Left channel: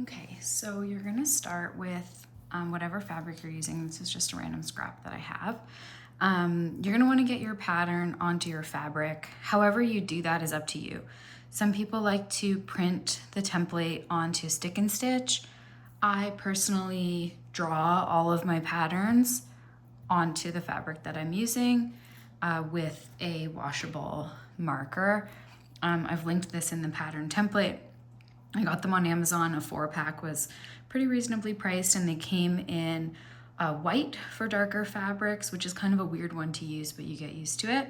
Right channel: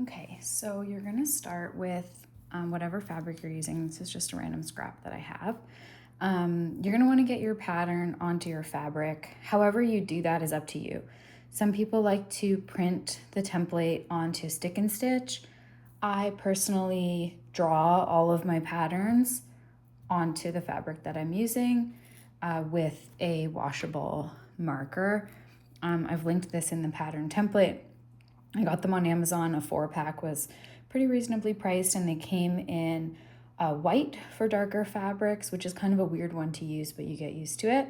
Okay, so you're gonna start with whatever fabric you're using. This is just a random scrap that I have. You're gonna wanna get your pattern onto your fabric. However you do that is up to you. Some people like to print the template onto stick and stitch. I personally draw all of my patterns onto the fabric that I'm using with a washable marker. I've linked this in the pattern template. I got them on Amazon. A 4-pack was pretty reasonably priced, and they came in white for darker fabrics, which is kind of a weird one to use, but you get used to it.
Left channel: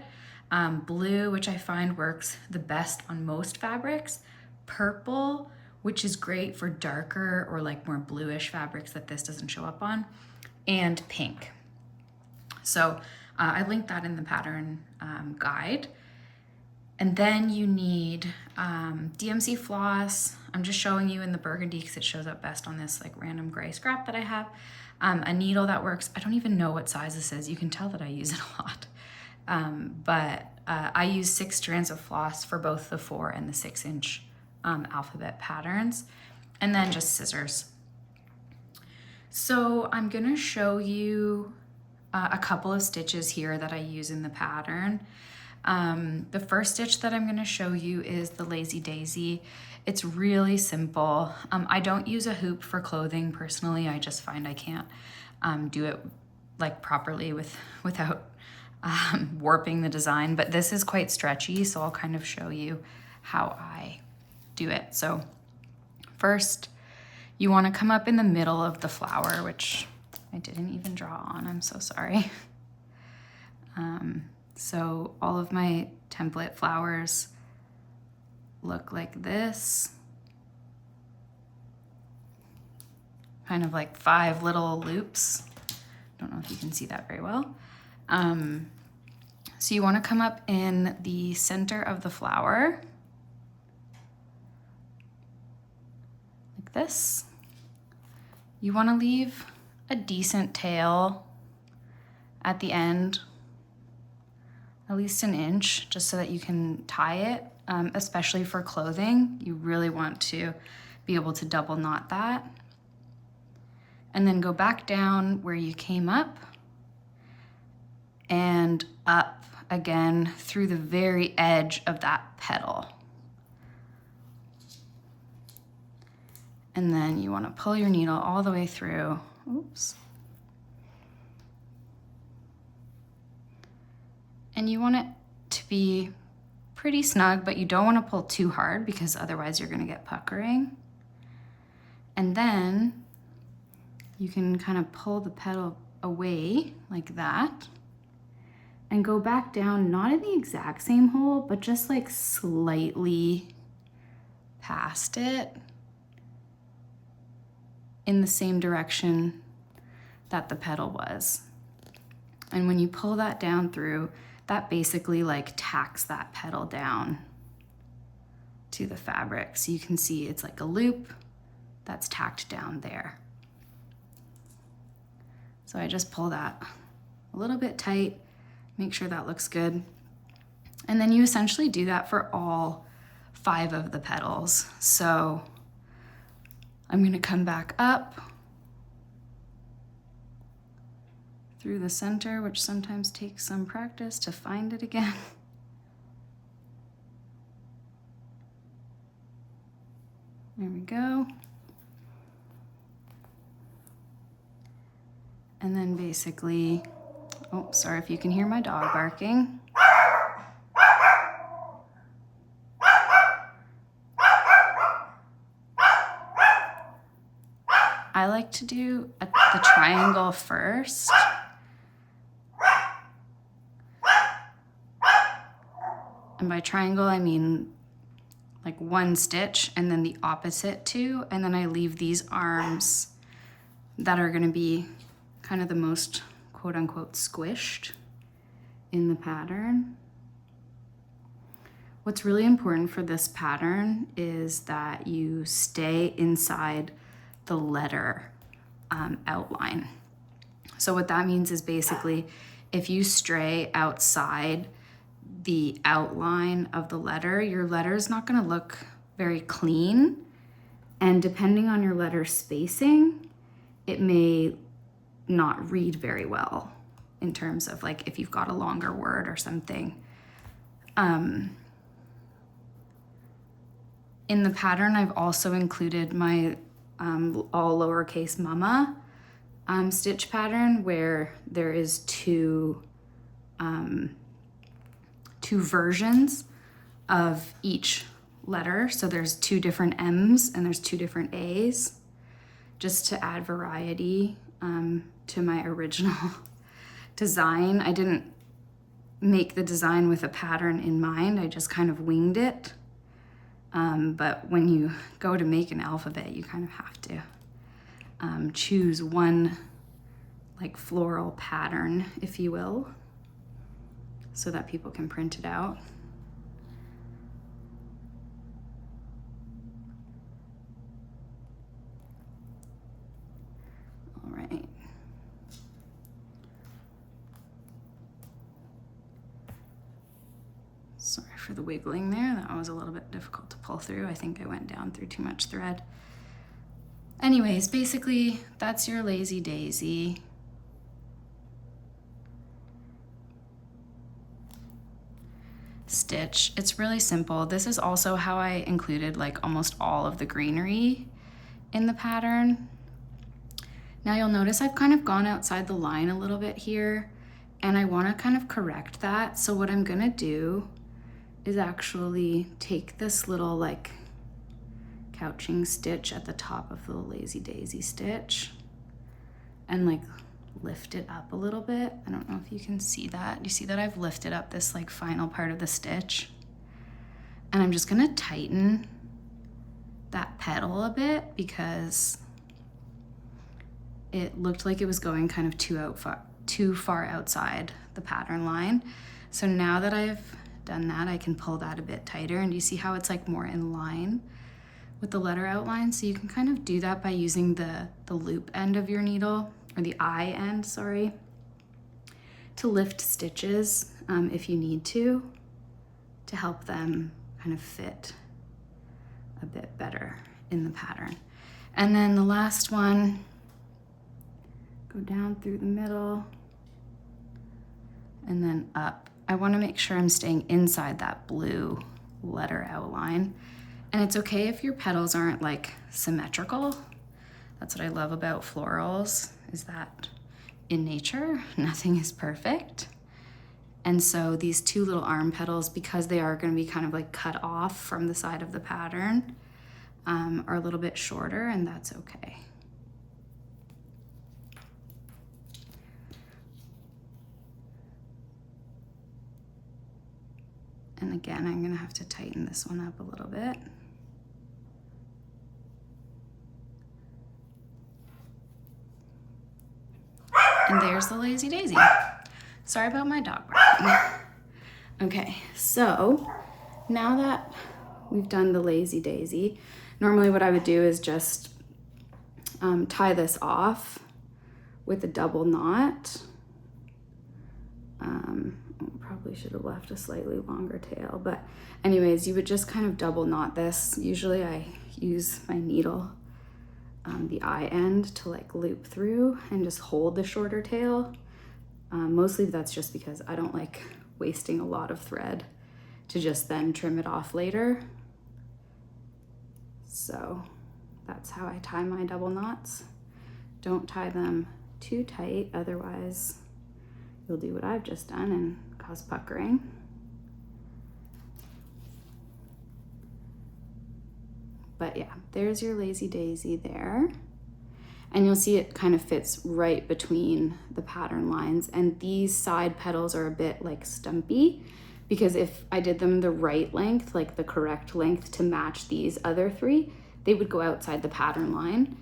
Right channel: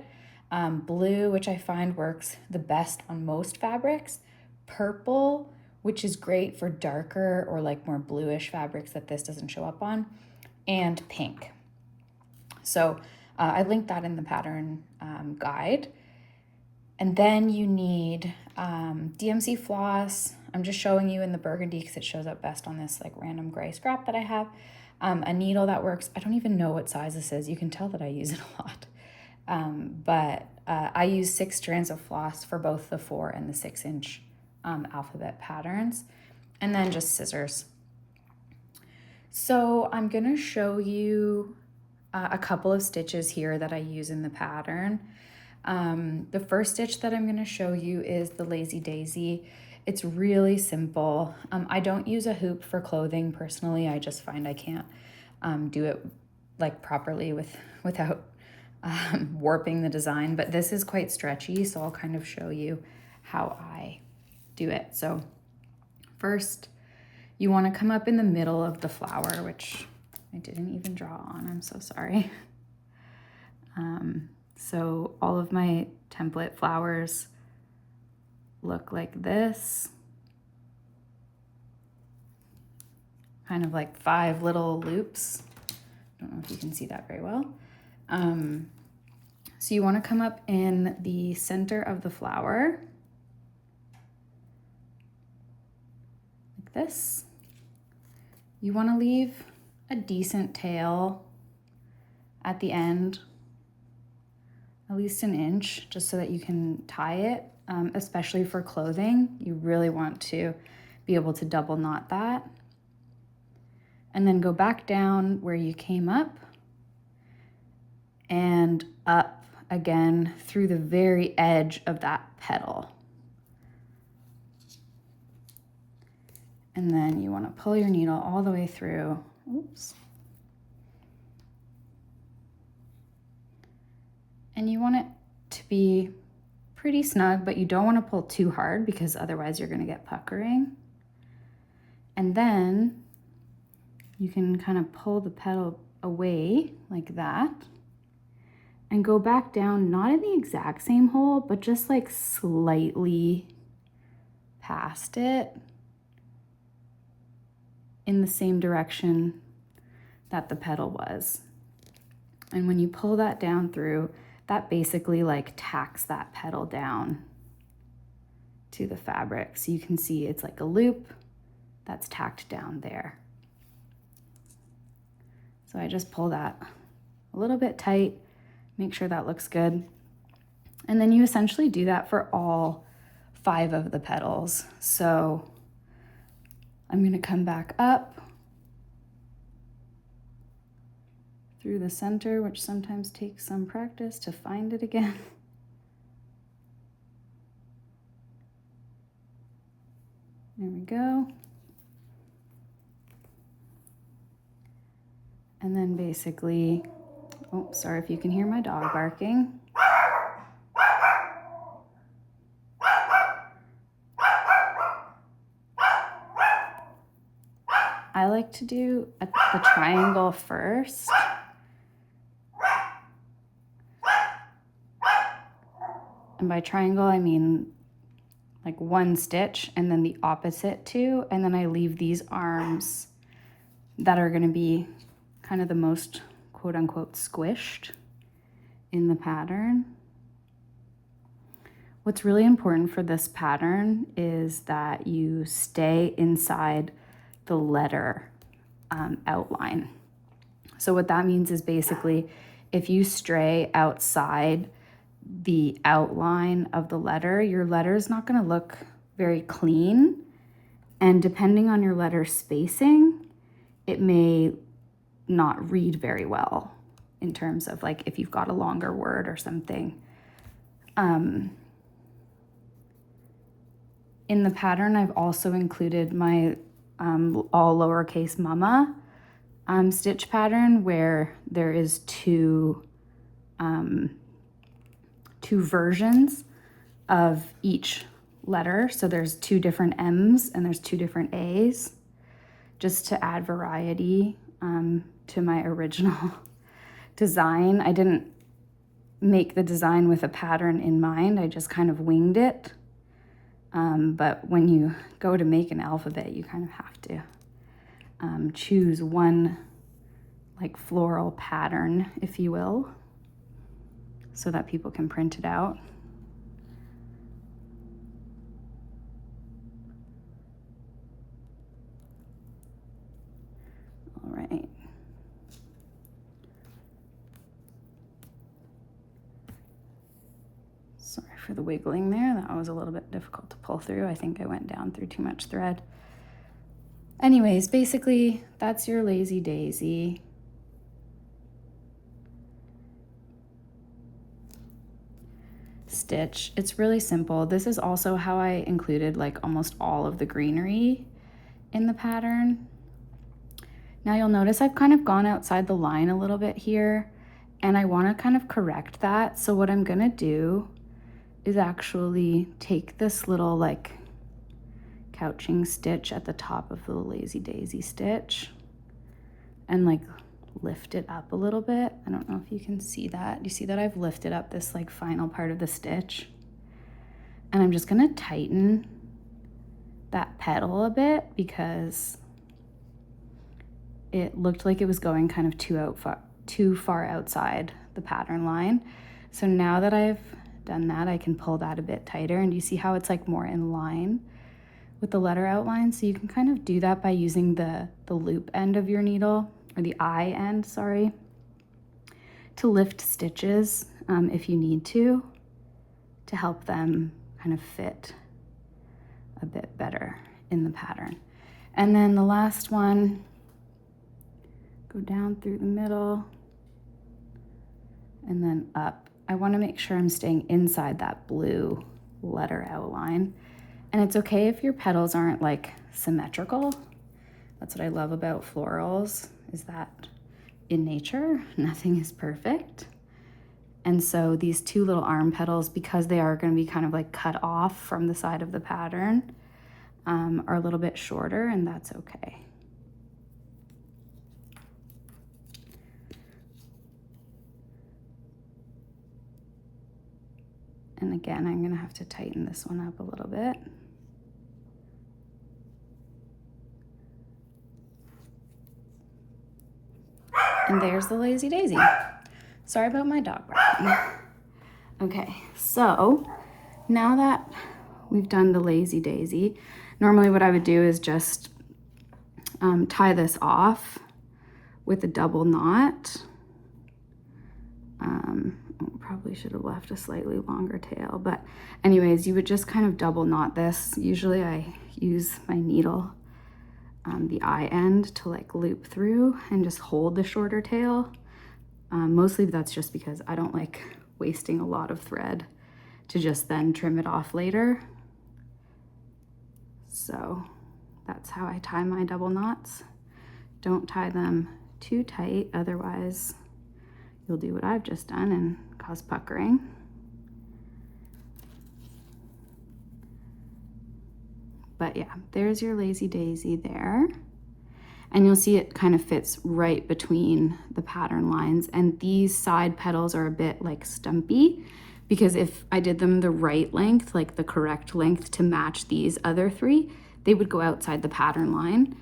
Blue, which I find works the best on most fabrics. Purple, which is great for darker or like more bluish fabrics that this doesn't show up on. And pink. So I linked that in the pattern guide. And then you need DMC floss. I'm just showing you in the burgundy because it shows up best on this like random gray scrap that I have. A needle that works. I don't even know what size this is. You can tell that I use it a lot. But I use 6 strands of floss for both the 4 and the 6-inch alphabet patterns. And then just scissors. So I'm gonna show you a couple of stitches here that I use in the pattern. The first stitch that I'm gonna show you is the Lazy Daisy. It's really simple. I don't use a hoop for clothing personally. I just find I can't do it like properly without warping the design, but this is quite stretchy, so I'll kind of show you how I do it. So first, you wanna come up in the middle of the flower, which I didn't even draw on, I'm so sorry. So all of my template flowers look like this. Kind of like 5 little loops. Don't know if you can see that very well. So you want to come up in the center of the flower, like this. You want to leave a decent tail at the end, at least an inch, just so that you can tie it, especially for clothing. You really want to be able to double knot that. And then go back down where you came up and up again through the very edge of that petal. And then you want to pull your needle all the way through. Oops. And you want it to be pretty snug, but you don't want to pull too hard because otherwise you're going to get puckering. And then you can kind of pull the petal away like that and go back down, not in the exact same hole, but just like slightly past it in the same direction that the petal was. And when you pull that down through, that basically like tacks that petal down to the fabric. So you can see it's like a loop that's tacked down there. So I just pull that a little bit tight, make sure that looks good. And then you essentially do that for all 5 of the petals. So I'm gonna come back up through the center, which sometimes takes some practice to find it again. There we go. And then basically, oh, sorry if you can hear my dog barking. I like to do the triangle first. And by triangle, I mean like 1 stitch and then the opposite 2. And then I leave these arms that are gonna be kind of the most quote unquote squished in the pattern. What's really important for this pattern is that you stay inside the letter outline. So what that means is basically if you stray outside the outline of the letter, your letter is not going to look very clean And depending on your letter spacing, it may not read very well in terms of like if you've got a longer word or something. In the pattern, I've also included my all lowercase mama stitch pattern, where there is two versions of each letter. So there's 2 different M's and there's 2 different A's, just to add variety to my original design. I didn't make the design with a pattern in mind. I just kind of winged it. But when you go to make an alphabet, you kind of have to choose one like floral pattern, if you will, so that people can print it out. All right. Sorry for the wiggling there. That was a little bit difficult to pull through. I think I went down through too much thread. Anyways, basically, that's your lazy daisy. Stitch. It's really simple. This is also how I included like almost all of the greenery in the pattern. Now you'll notice I've kind of gone outside the line a little bit here, and I want to kind of correct that. So what I'm gonna do is actually take this little like couching stitch at the top of the lazy daisy stitch and like lift it up a little bit. I don't know if you can see that. You see that I've lifted up this like final part of the stitch, and I'm just gonna tighten that petal a bit because it looked like it was going kind of too far outside the pattern line. So now that I've done that, I can pull that a bit tighter, and you see how it's like more in line with the letter outline. So you can kind of do that by using the loop end of your needle, or the eye end, sorry, to lift stitches if you need to help them kind of fit a bit better in the pattern. And then the last one, go down through the middle and then up. I want to make sure I'm staying inside that blue letter outline. And it's okay if your petals aren't like symmetrical. That's what I love about florals, is that in nature, nothing is perfect. And so these 2 little arm petals, because they are going to be kind of like cut off from the side of the pattern, are a little bit shorter, and that's okay. And again, I'm gonna have to tighten this one up a little bit. And there's the lazy daisy. Sorry about my dog barking. Okay, so now that we've done the lazy daisy, normally what I would do is just tie this off with a double knot. Probably should have left a slightly longer tail, but anyways, you would just kind of double knot this. Usually I use my needle, the eye end, to like loop through and just hold the shorter tail. Mostly that's just because I don't like wasting a lot of thread to just then trim it off later. So that's how I tie my double knots. Don't tie them too tight, otherwise you'll do what I've just done and cause puckering. But yeah, there's your lazy daisy there. And you'll see it kind of fits right between the pattern lines. And these side petals are a bit like stumpy, because if I did them the right length, like the correct length to match these other 3, they would go outside the pattern line.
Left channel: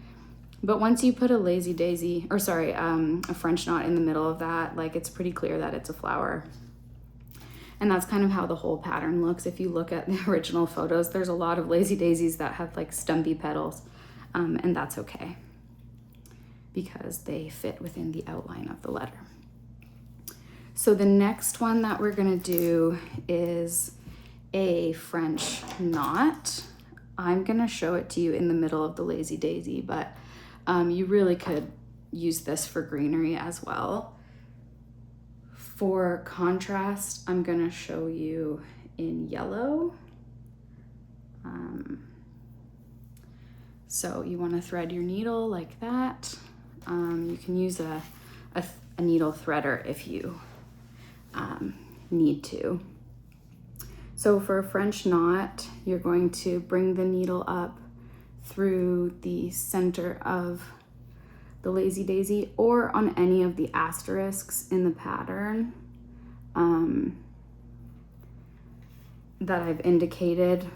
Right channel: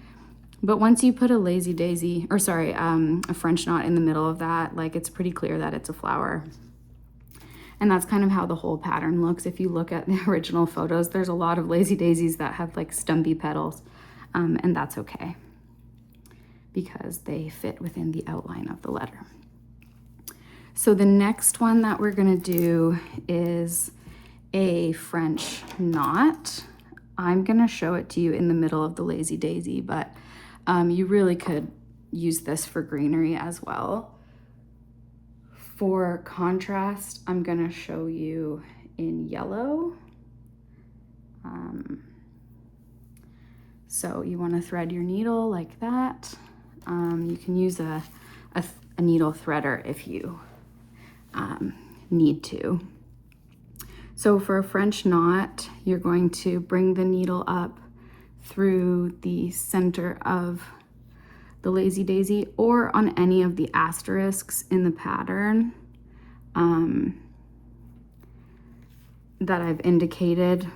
But once you put a lazy daisy, or sorry, a French knot in the middle of that, like it's pretty clear that it's a flower. And that's kind of how the whole pattern looks. If you look at the original photos, there's a lot of lazy daisies that have like stumpy petals, and that's okay, because they fit within the outline of the letter. So the next one that we're gonna do is a French knot. I'm gonna show it to you in the middle of the lazy daisy, but you really could use this for greenery as well. For contrast, I'm gonna show you in yellow. So you wanna thread your needle like that. You can use a needle threader if you need to. So for a French knot, you're going to bring the needle up through the center of the lazy daisy or on any of the asterisks in the pattern that I've indicated.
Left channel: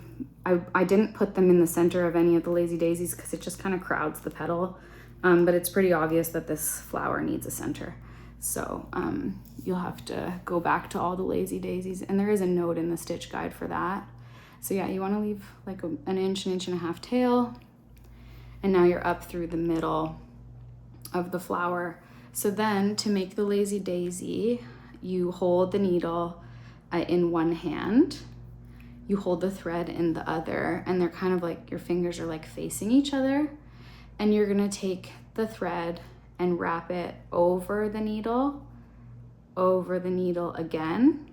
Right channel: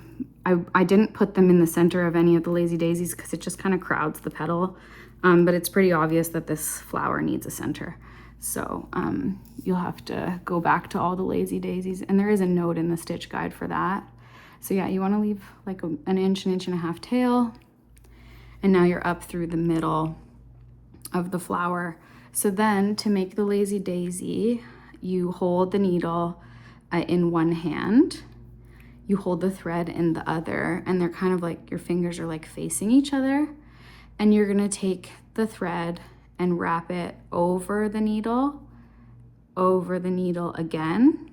I didn't put them in the center of any of the lazy daisies because it just kind of crowds the petal, but it's pretty obvious that this flower needs a center. So you'll have to go back to all the lazy daisies, and there is a note in the stitch guide for that. So yeah, you want to leave like an inch and a half tail, and now you're up through the middle of the flower. So then to make the lazy daisy, you hold the needle in one hand, you hold the thread in the other, and they're kind of like, your fingers are like facing each other, and you're gonna take the thread and wrap it over the needle again,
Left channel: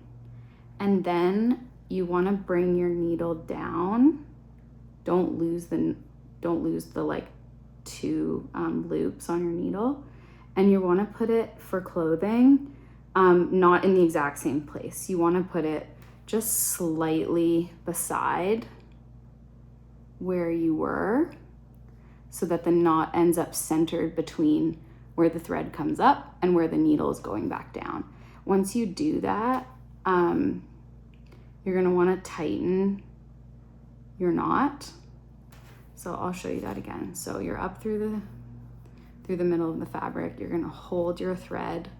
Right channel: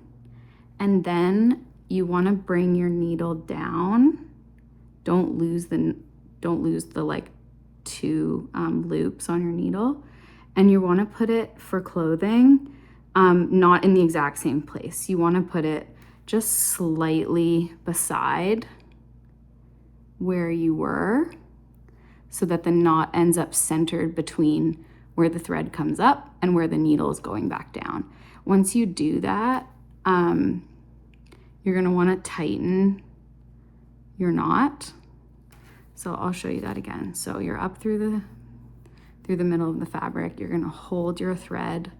and then you want to bring your needle down. Don't lose the like two loops on your needle, and you want to put it for clothing not in the exact same place. You want to put it just slightly beside where you were, so that the knot ends up centered between where the thread comes up and where the needle is going back down. Once you do that, you're going to want to tighten your knot. So I'll show you that again. So you're up through the middle of the fabric. You're going to hold your thread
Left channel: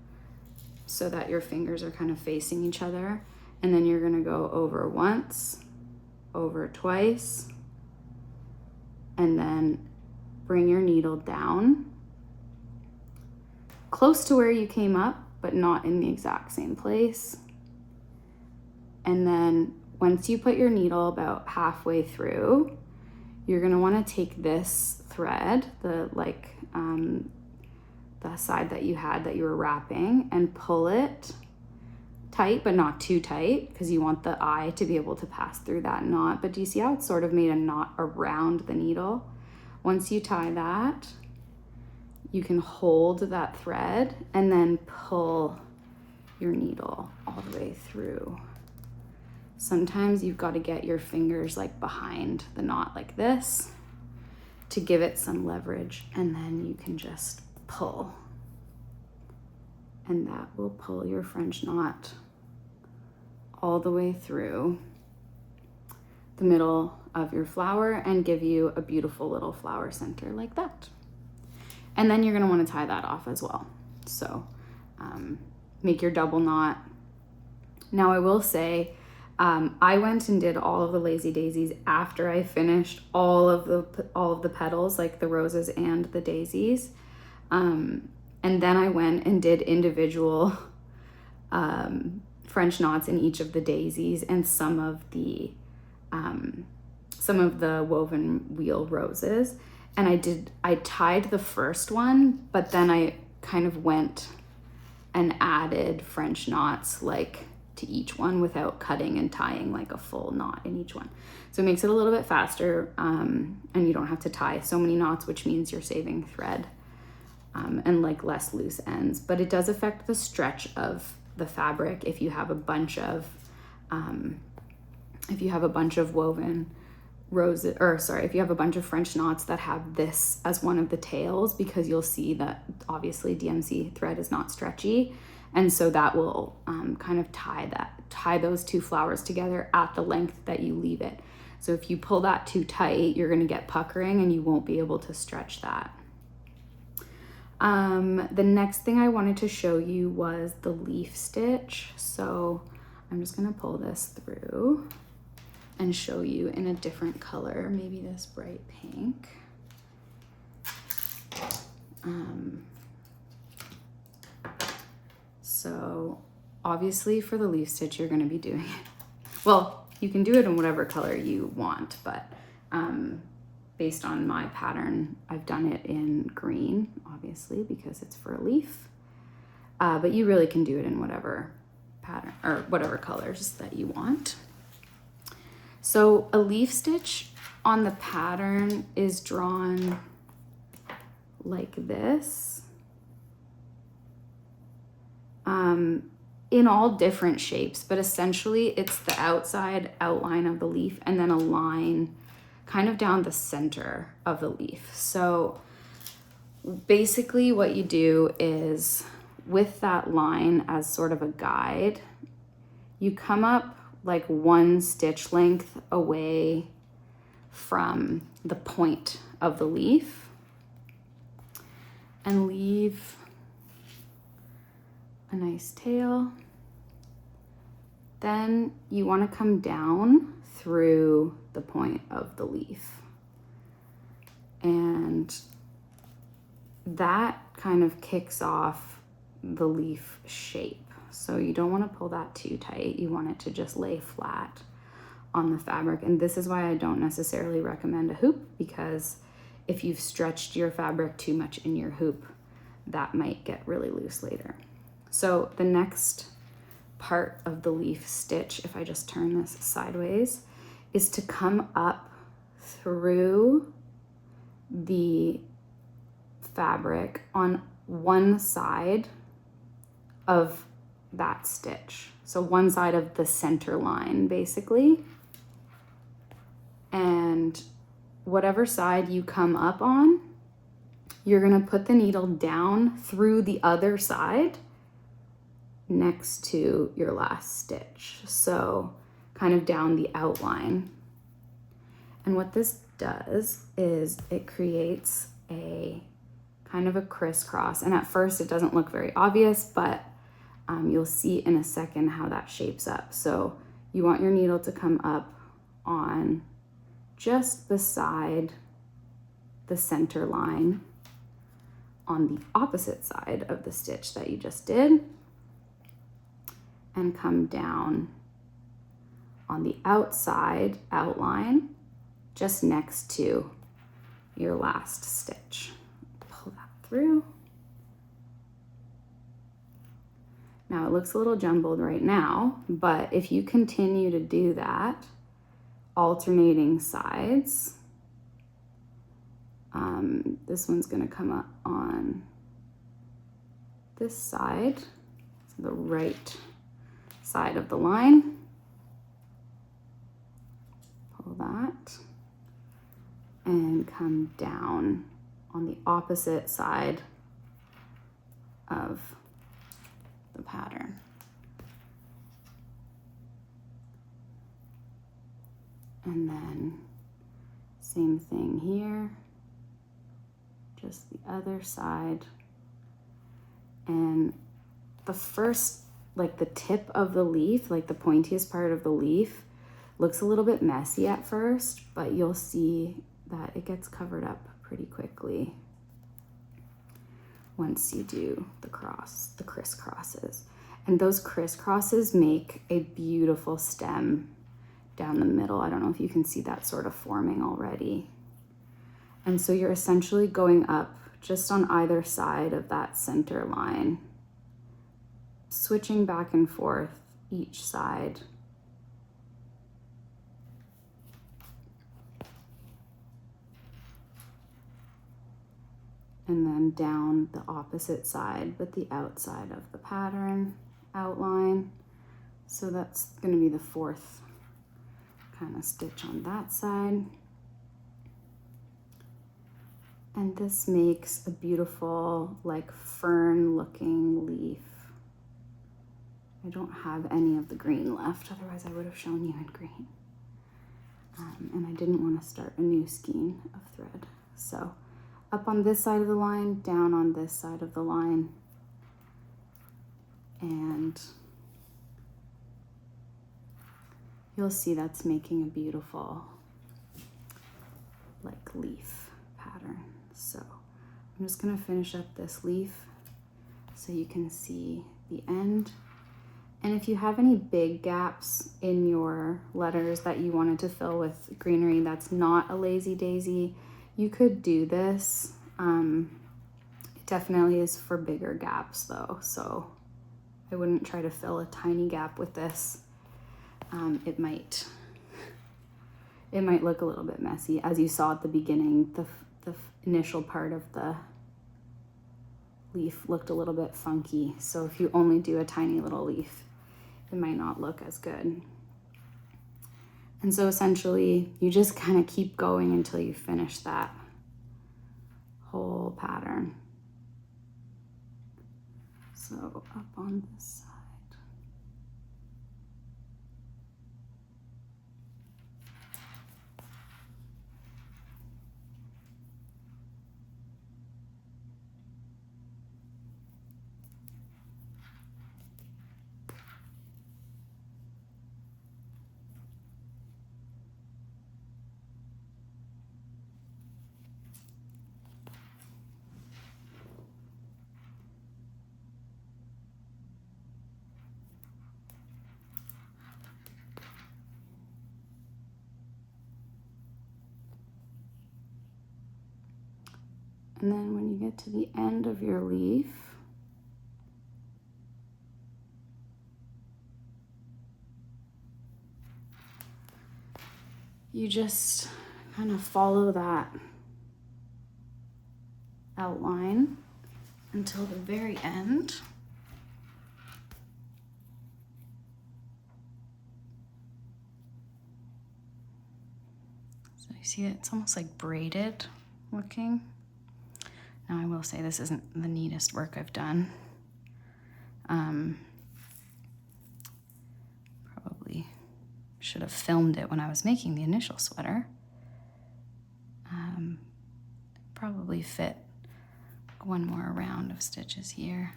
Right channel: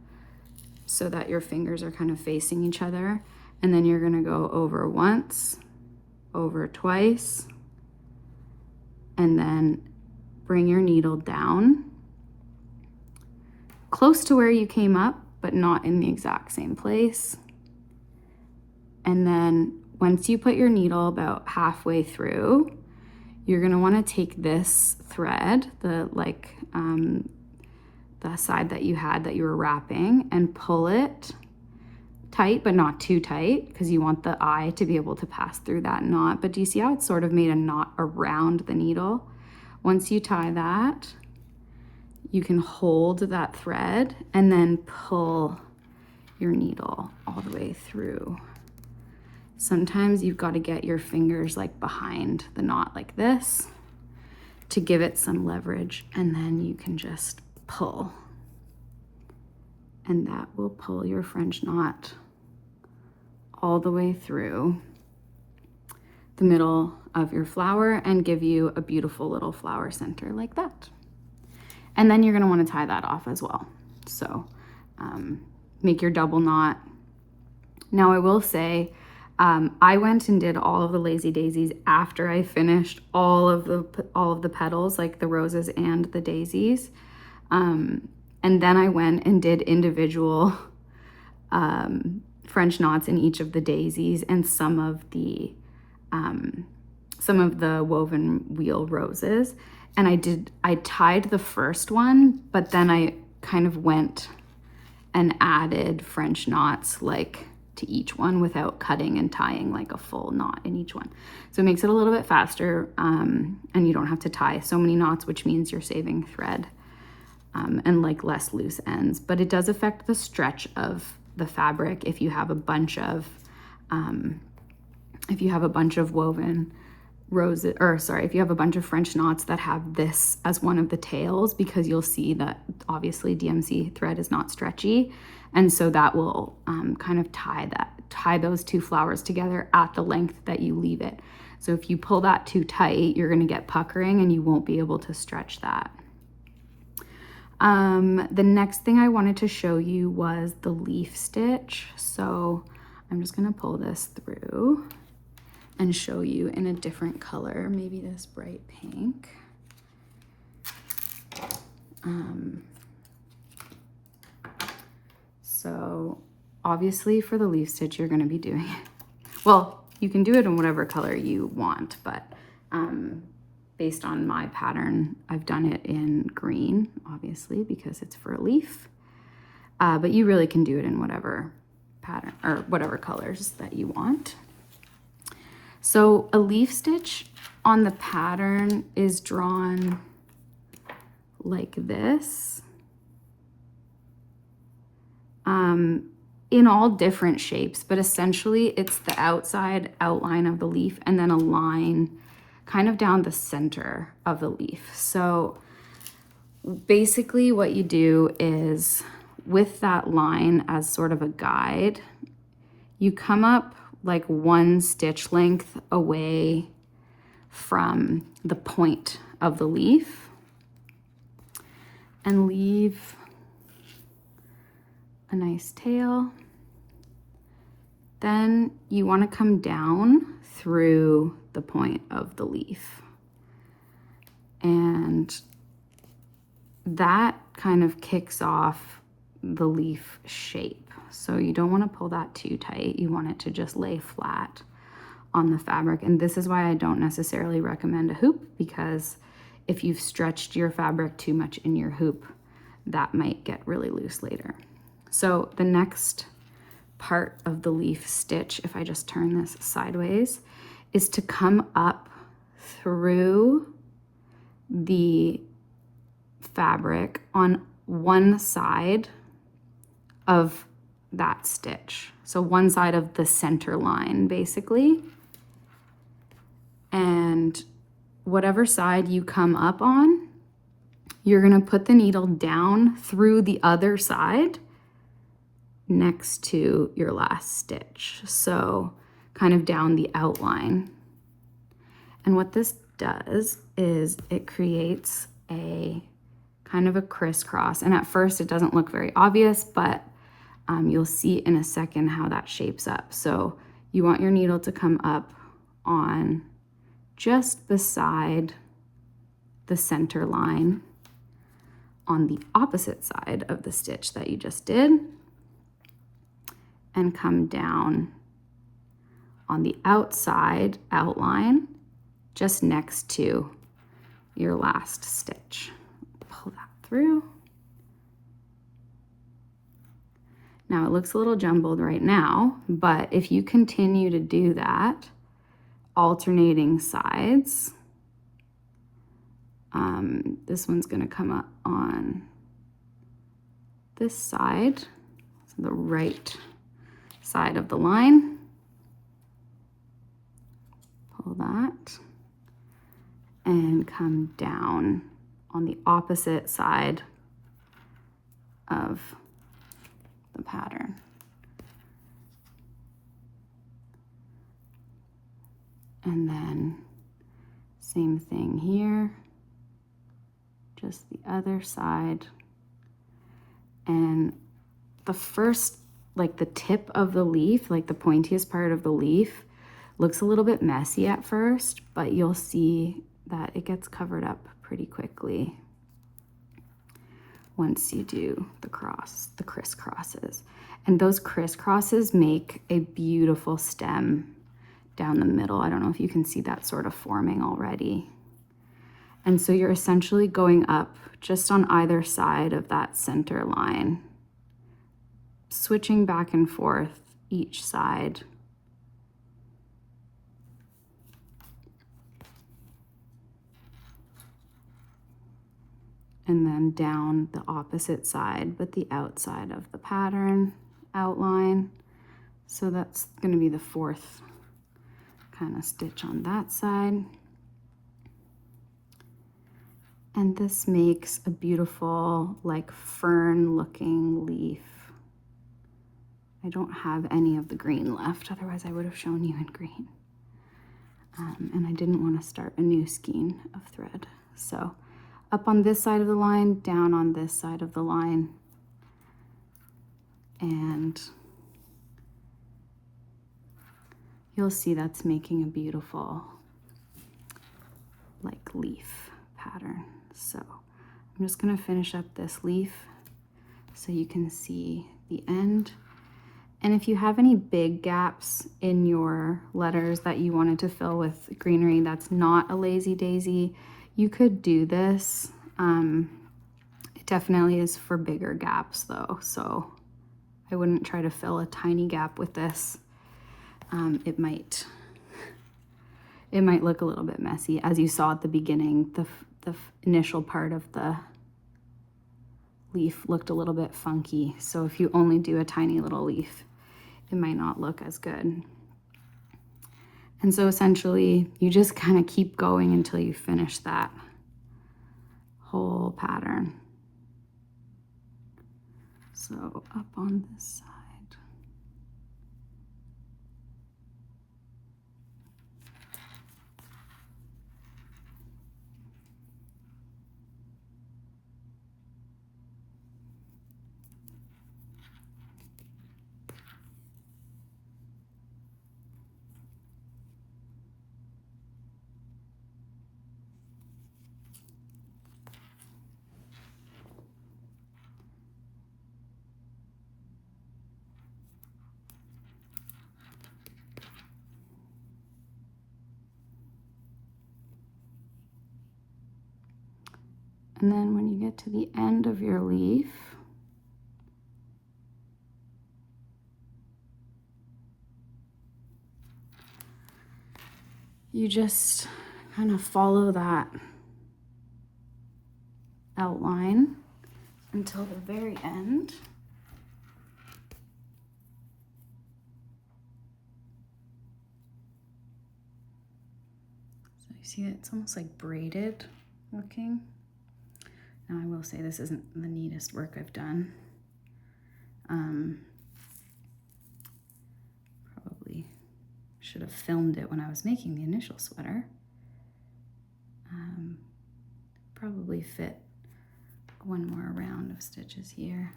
so that your fingers are kind of facing each other, and then you're going to go over once, over twice, and then bring your needle down close to where you came up, but not in the exact same place. And then once you put your needle about halfway through, you're going to want to take this thread, the side that you were wrapping, and pull it tight, but not too tight, because you want the eye to be able to pass through that knot. But do you see how it's sort of made a knot around the needle? Once you tie that, you can hold that thread and then pull your needle all the way through. Sometimes you've got to get your fingers like behind the knot like this to give it some leverage, and then you can just pull. And that will pull your French knot all the way through the middle of your flower and give you a beautiful little flower center like that. And then you're going to want to tie that off as well. So make your double knot. Now I will say, I went and did all of the lazy daisies after I finished all of the petals, like the roses and the daisies. And then I went and did individual French knots in each of the daisies and some of the woven wheel roses. And I tied the first one, but then I kind of went and added French knots like to each one without cutting and tying like a full knot in each one. So it makes it a little bit faster, and you don't have to tie so many knots, which means you're saving thread and like less loose ends. But it does affect the stretch of the fabric if you have a bunch of woven roses, or sorry, if you have a bunch of French knots that have this as one of the tails, because you'll see that obviously DMC thread is not stretchy, and so that will kind of tie those two flowers together at the length that you leave it. So if you pull that too tight, you're going to get puckering and you won't be able to stretch that. The next thing I wanted to show you was the leaf stitch. So I'm just going to pull this through and show you in a different color, maybe this bright pink. So obviously for the leaf stitch, you're going to be doing it. Well, you can do it in whatever color you want, but Based on my pattern, I've done it in green, obviously, because it's for a leaf. But you really can do it in whatever pattern or whatever colors that you want. So a leaf stitch on the pattern is drawn like this. In all different shapes, but essentially it's the outside outline of the leaf and then a line kind of down the center of the leaf. So basically what you do is, with that line as sort of a guide, you come up like one stitch length away from the point of the leaf and leave a nice tail. Then you want to come down through the point of the leaf. And that kind of kicks off the leaf shape. So you don't want to pull that too tight. You want it to just lay flat on the fabric. And this is why I don't necessarily recommend a hoop, because if you've stretched your fabric too much in your hoop, that might get really loose later. So the next part of the leaf stitch, if I just turn this sideways, is to come up through the fabric on one side of that stitch. So one side of the center line, basically. And whatever side you come up on, you're gonna put the needle down through the other side next to your last stitch. So kind of down the outline. And what this does is it creates a kind of a crisscross. And at first it doesn't look very obvious, but you'll see in a second how that shapes up. So you want your needle to come up on just beside the center line on the opposite side of the stitch that you just did, and come down on the outside outline just next to your last stitch. Pull that through. Now it looks a little jumbled right now, but if you continue to do that, alternating sides, this one's gonna come up on this side, so the right side of the line. Pull that and come down on the opposite side of the pattern. And then same thing here, just the other side. And the first, like the tip of the leaf, like the pointiest part of the leaf, looks a little bit messy at first, but you'll see that it gets covered up pretty quickly once you do the crisscrosses. And those crisscrosses make a beautiful stem down the middle. I don't know if you can see that sort of forming already. And so you're essentially going up just on either side of that center line, switching back and forth each side. And then down the opposite side, but the outside of the pattern outline. So that's going to be the fourth kind of stitch on that side. And this makes a beautiful, like fern looking leaf. I don't have any of the green left, otherwise I would have shown you in green. And I didn't want to start a new skein of thread. So up on this side of the line, down on this side of the line, and you'll see that's making a beautiful like leaf pattern. So I'm just going to finish up this leaf so you can see the end. And if you have any big gaps in your letters that you wanted to fill with greenery that's not a lazy daisy, you could do this. It definitely is for bigger gaps though, so I wouldn't try to fill a tiny gap with this. It might look a little bit messy. As you saw at the beginning, the initial part of the leaf looked a little bit funky. So if you only do a tiny little leaf, it might not look as good. And so essentially you just kind of keep going until you finish that whole pattern. So up on this side. And then when you get to the end of your leaf, you just kind of follow that outline until the very end. So you see it's almost like braided looking. Now I will say this isn't the neatest work I've done. Probably should have filmed it when I was making the initial sweater. Probably fit one more round of stitches here.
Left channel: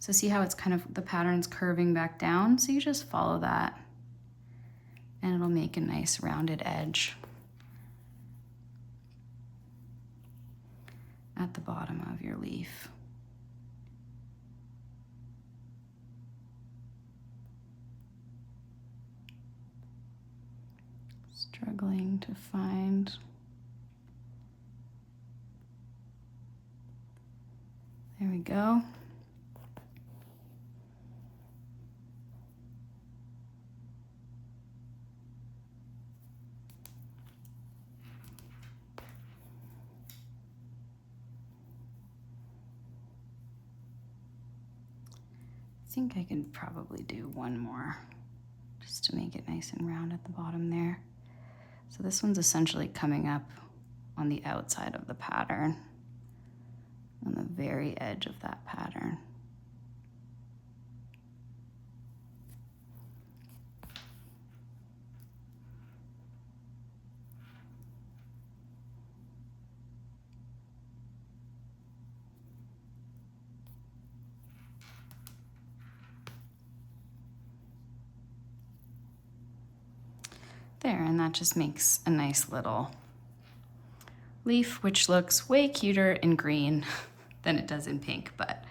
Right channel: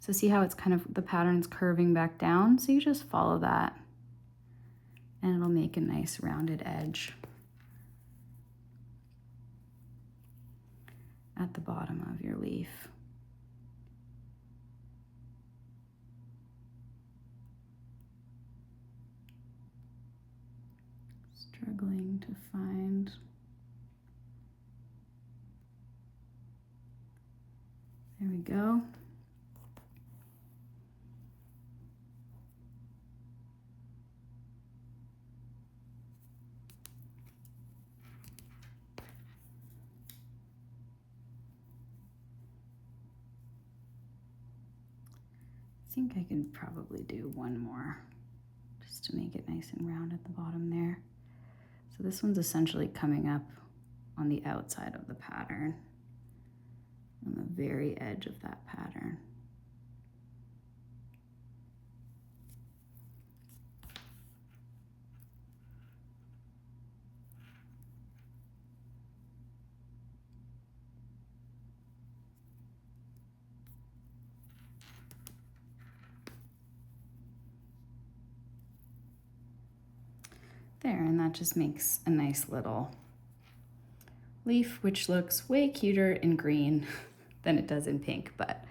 So see how it's kind of, the pattern's curving back down? So you just follow that and it'll make a nice rounded edge at the bottom of your leaf. Struggling to find there we go. I think I could probably do one more just to make it nice and round at the bottom there. So this one's essentially coming up on the outside of the pattern, on the very edge of that pattern. There, and that just makes a nice little leaf, which looks way cuter in green than it does in pink, but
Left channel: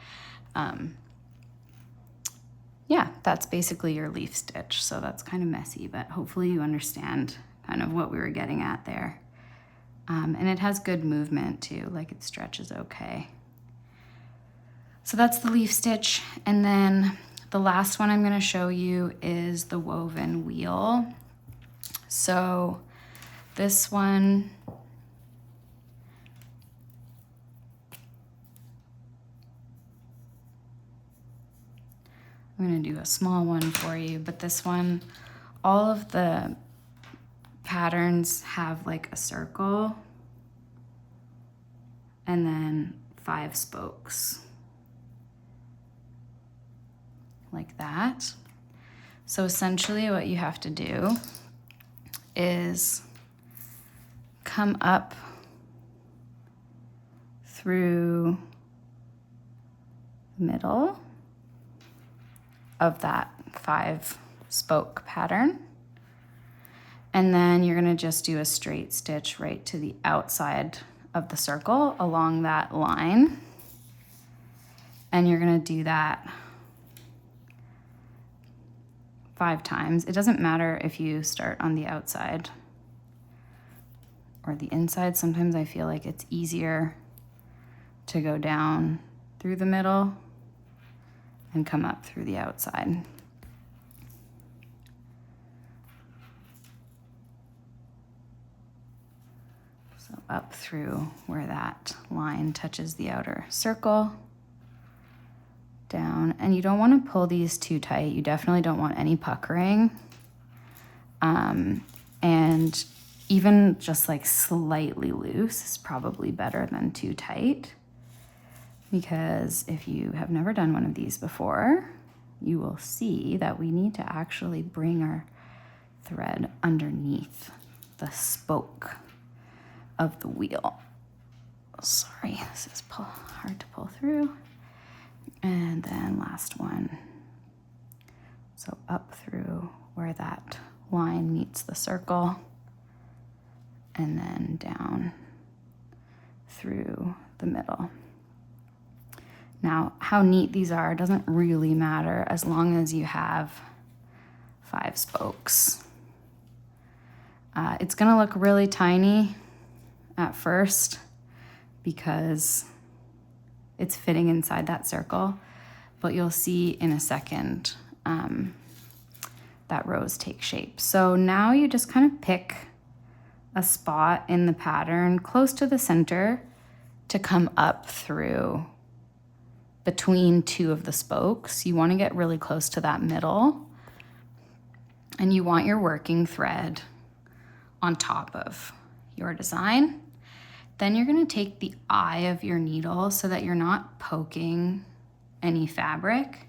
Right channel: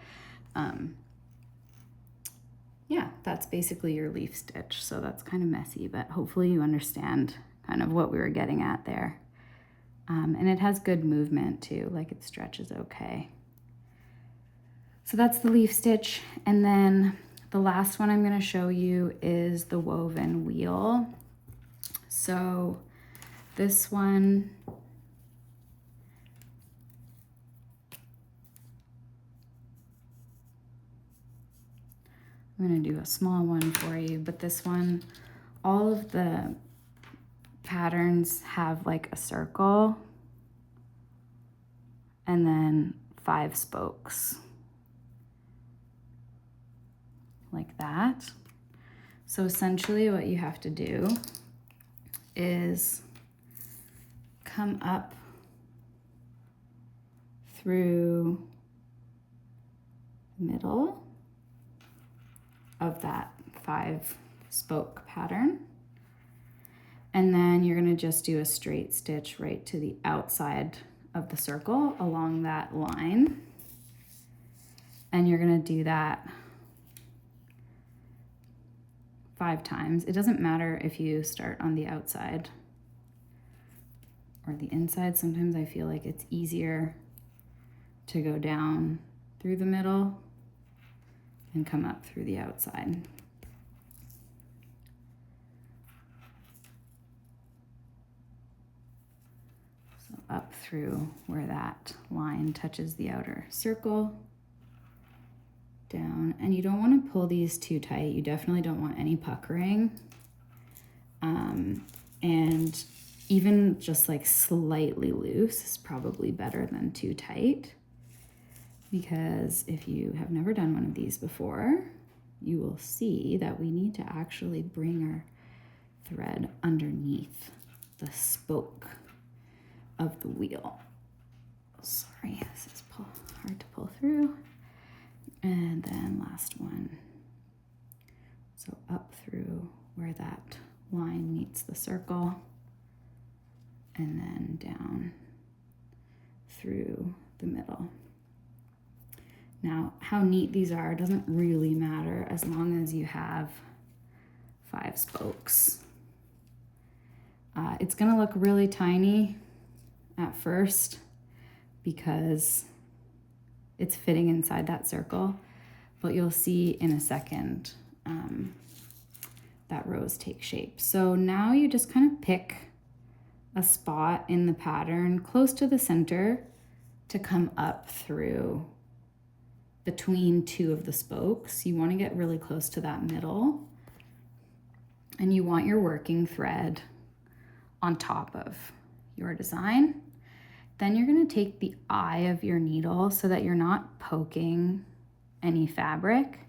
yeah, that's basically your leaf stitch. So that's kind of messy, but hopefully you understand kind of what we were getting at there. And it has good movement too, like it stretches okay. So that's the leaf stitch. And then the last one I'm gonna show you is the woven wheel. So this one, I'm gonna do a small one for you, but this one, all of the patterns have like a circle and then 5 spokes, like that. So essentially what you have to do is come up through the middle of that 5 spoke pattern. And then you're gonna just do a straight stitch right to the outside of the circle along that line. And you're gonna do that 5 times. It doesn't matter if you start on the outside or the inside. Sometimes I feel like it's easier to go down through the middle and come up through the outside. So up through where that line touches the outer circle, down, and you don't want to pull these too tight. You definitely don't want any puckering. And even just like slightly loose is probably better than too tight, because if you have never done one of these before, you will see that we need to actually bring our thread underneath the spoke of the wheel. Sorry, this is hard to pull through. And then last one. So up through where that line meets the circle, and then down through the middle. Now, how neat these are doesn't really matter as long as you have 5 spokes. It's gonna look really tiny at first because it's fitting inside that circle, but you'll see in a second that rows take shape. So now you just kind of pick a spot in the pattern close to the center to come up through between 2 of the spokes. You want to get really close to that middle, and you want your working thread on top of your design. Then you're going to take the eye of your needle so that you're not poking any fabric,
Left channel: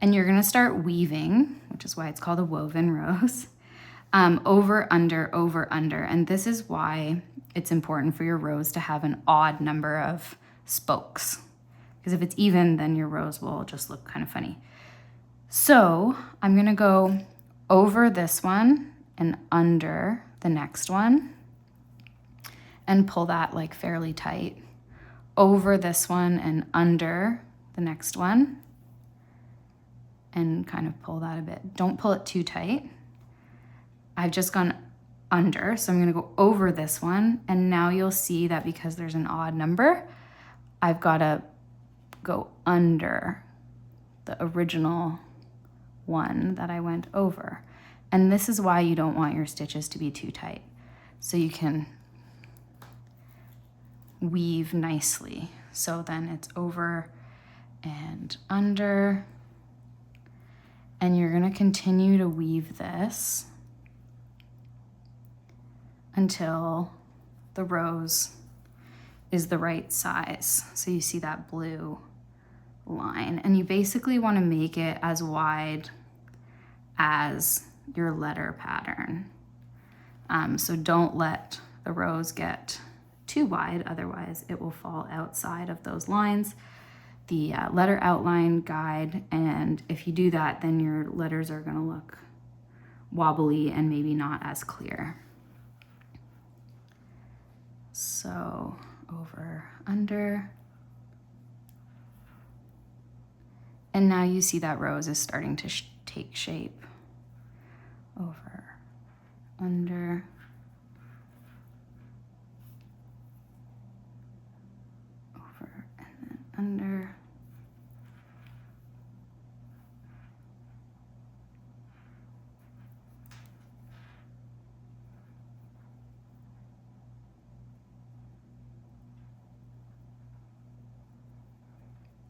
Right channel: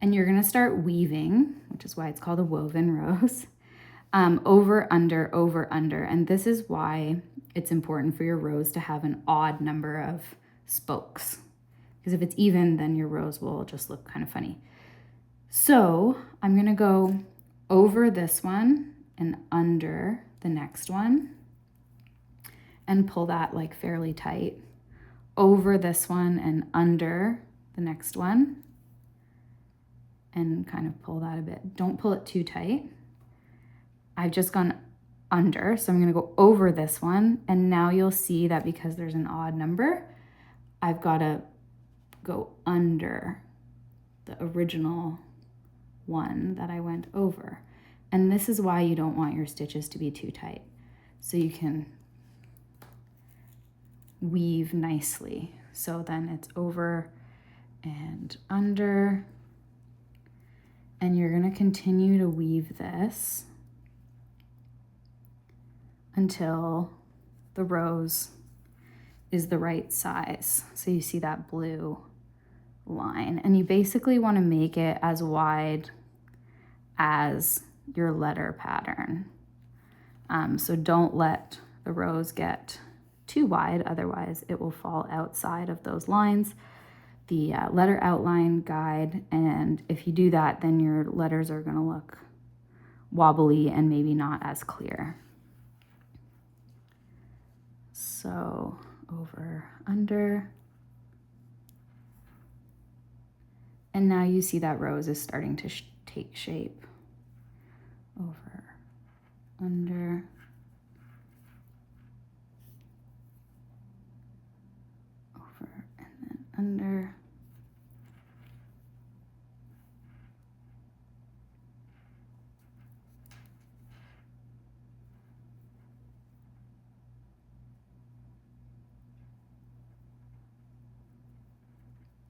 and you're going to start weaving, which is why it's called a woven rose, over, under. And this is why it's important for your rose to have an odd number of spokes, because if it's even, then your rose will just look kind of funny. So I'm going to go over this one and under the next one, and pull that like fairly tight, over this one and under the next one, and kind of pull that a bit. Don't pull it too tight. I've just gone under, so I'm gonna go over this one, and now you'll see that because there's an odd number, I've gotta go under the original one that I went over. And this is why you don't want your stitches to be too tight, so you can weave nicely. So then it's over and under, and you're going to continue to weave this until the rose is the right size. So you see that blue line, and you basically want to make it as wide as your letter pattern. So don't let the rose get too wide, otherwise it will fall outside of those lines, the letter outline guide, and if you do that, then your letters are going to look wobbly and maybe not as clear. So over, under, and now you see that rose is starting to take shape. Over, under, over, and then under.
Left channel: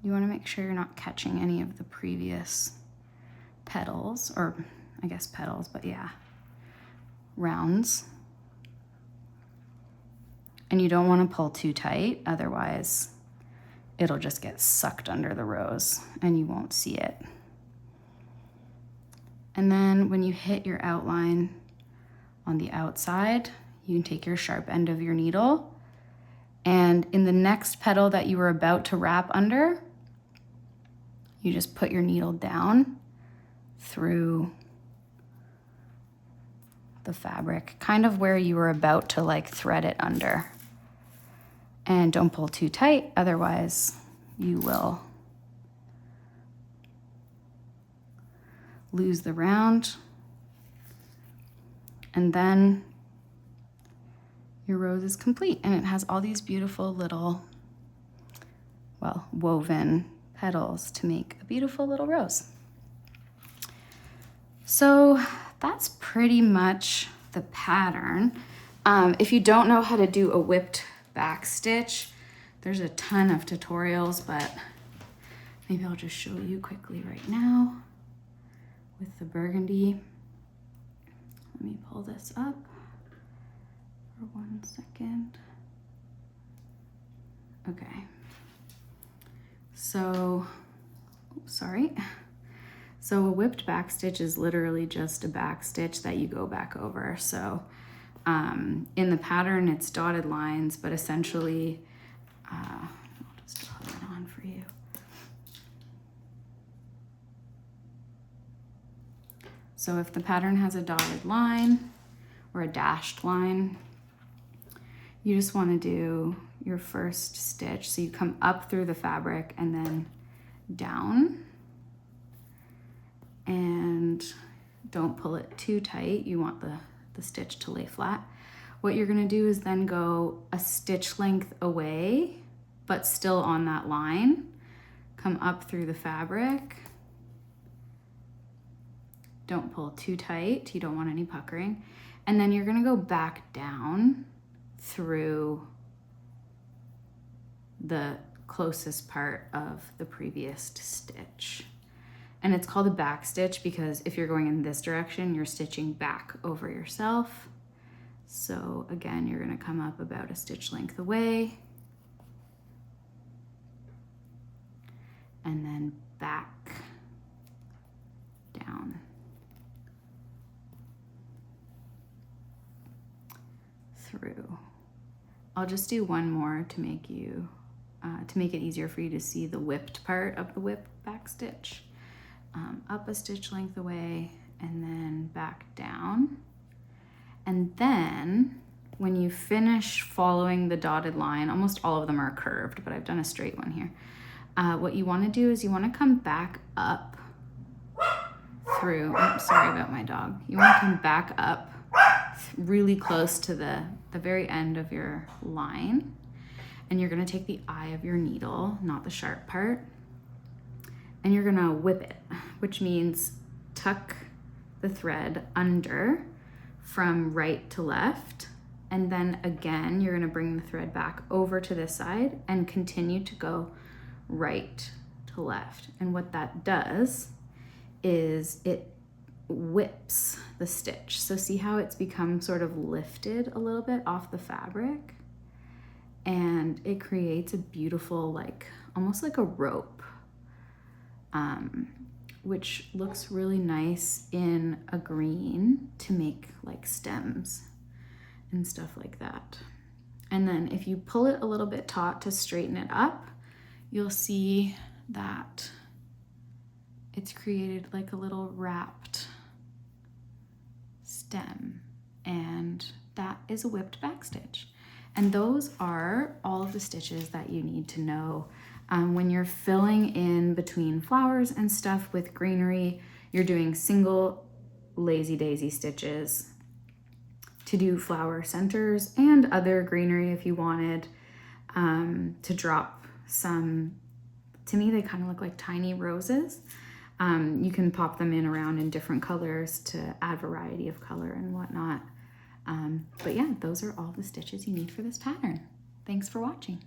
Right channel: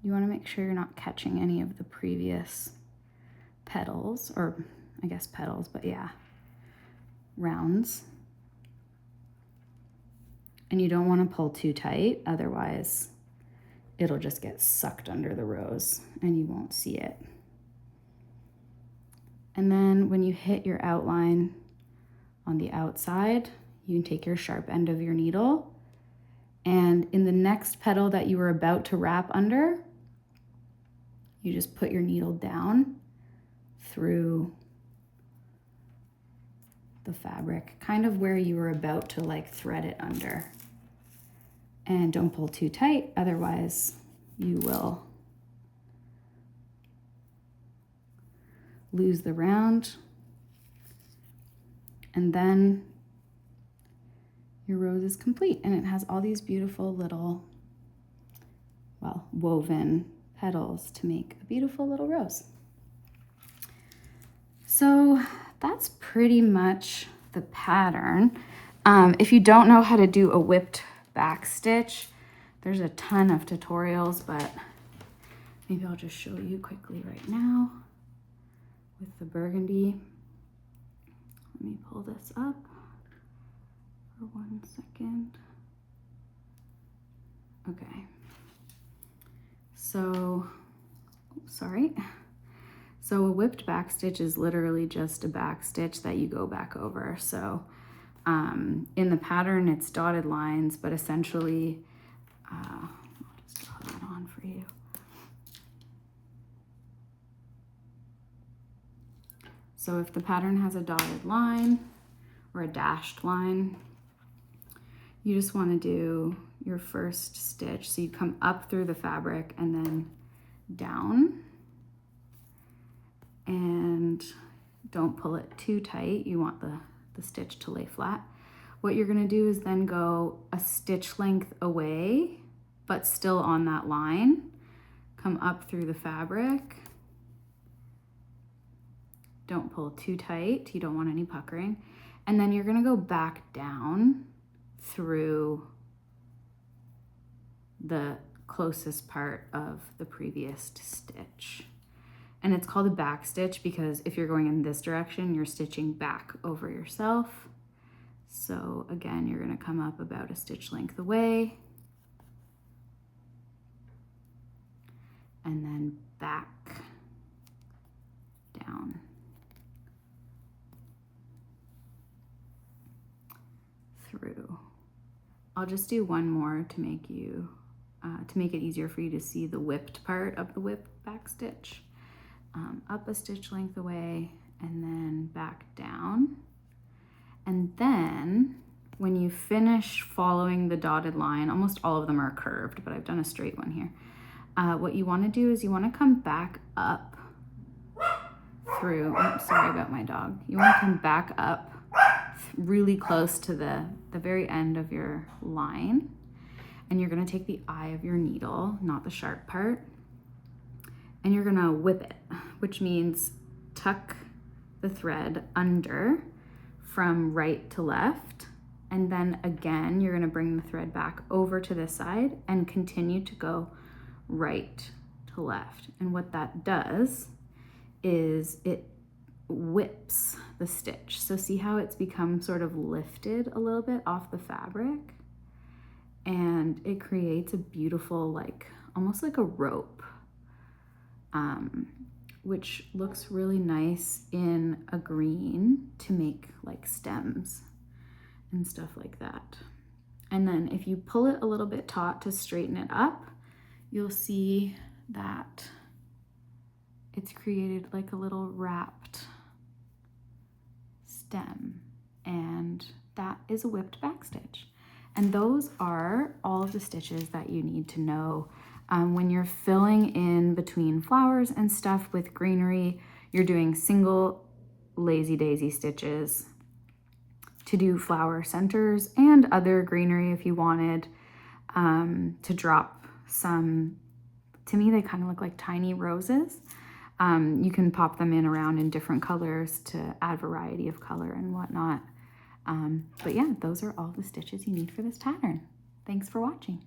You want to make sure you're not catching any of the previous petals, or I guess petals, but yeah, rounds. And you don't want to pull too tight, otherwise it'll just get sucked under the rose and you won't see it. And then when you hit your outline on the outside, you can take your sharp end of your needle, and in the next petal that you were about to wrap under, you just put your needle down through the fabric, kind of where you were about to like thread it under. And don't pull too tight, otherwise you will lose the round, and then your rose is complete, and it has all these beautiful little, well, woven petals to make a beautiful little rose. So that's pretty much the pattern. If you don't know how to do a whipped backstitch, there's a ton of tutorials, but maybe I'll just show you quickly right now with the burgundy. Let me pull this up for 1 second. Okay. So, sorry. So a whipped backstitch is literally just a backstitch that you go back over. So in the pattern, it's dotted lines, but essentially, I'll just draw that on for you. So if the pattern has a dotted line or a dashed line, you just want to do your first stitch. So you come up through the fabric and then down, and don't pull it too tight. You want the stitch to lay flat. What you're going to do is then go a stitch length away, but still on that line. Come up through the fabric. Don't pull too tight. You don't want any puckering. And then you're going to go back down through the closest part of the previous stitch. And it's called a back stitch because if you're going in this direction, you're stitching back over yourself. So again, you're going to come up about a stitch length away and then back down through. I'll just do one more to make it easier for you to see the whipped part of the whipped back stitch. Up a stitch length away and then back down. And then when you finish following the dotted line, almost all of them are curved, but I've done a straight one here. What you want to do is you want to come back up through, sorry about my dog. You want to come back up really close to the very end of your line. And you're going to take the eye of your needle, not the sharp part, and you're gonna whip it, which means tuck the thread under from right to left. And then again, you're gonna bring the thread back over to this side and continue to go right to left. And what that does is it whips the stitch. So see how it's become sort of lifted a little bit off the fabric? And it creates a beautiful, like, almost like a rope. Which looks really nice in a green to make like stems and stuff like that. And then if you pull it a little bit taut to straighten it up, you'll see that it's created like a little wrapped stem, and that is a whipped backstitch. And those are all of the stitches that you need to know. When you're filling in between flowers and stuff with greenery, you're doing single lazy daisy stitches to do flower centers and other greenery if you wanted to drop some. To me, they kind of look like tiny roses. You can pop them in around in different colors to add variety of color and whatnot. But yeah, those are all the stitches you need for this pattern. Thanks for watching.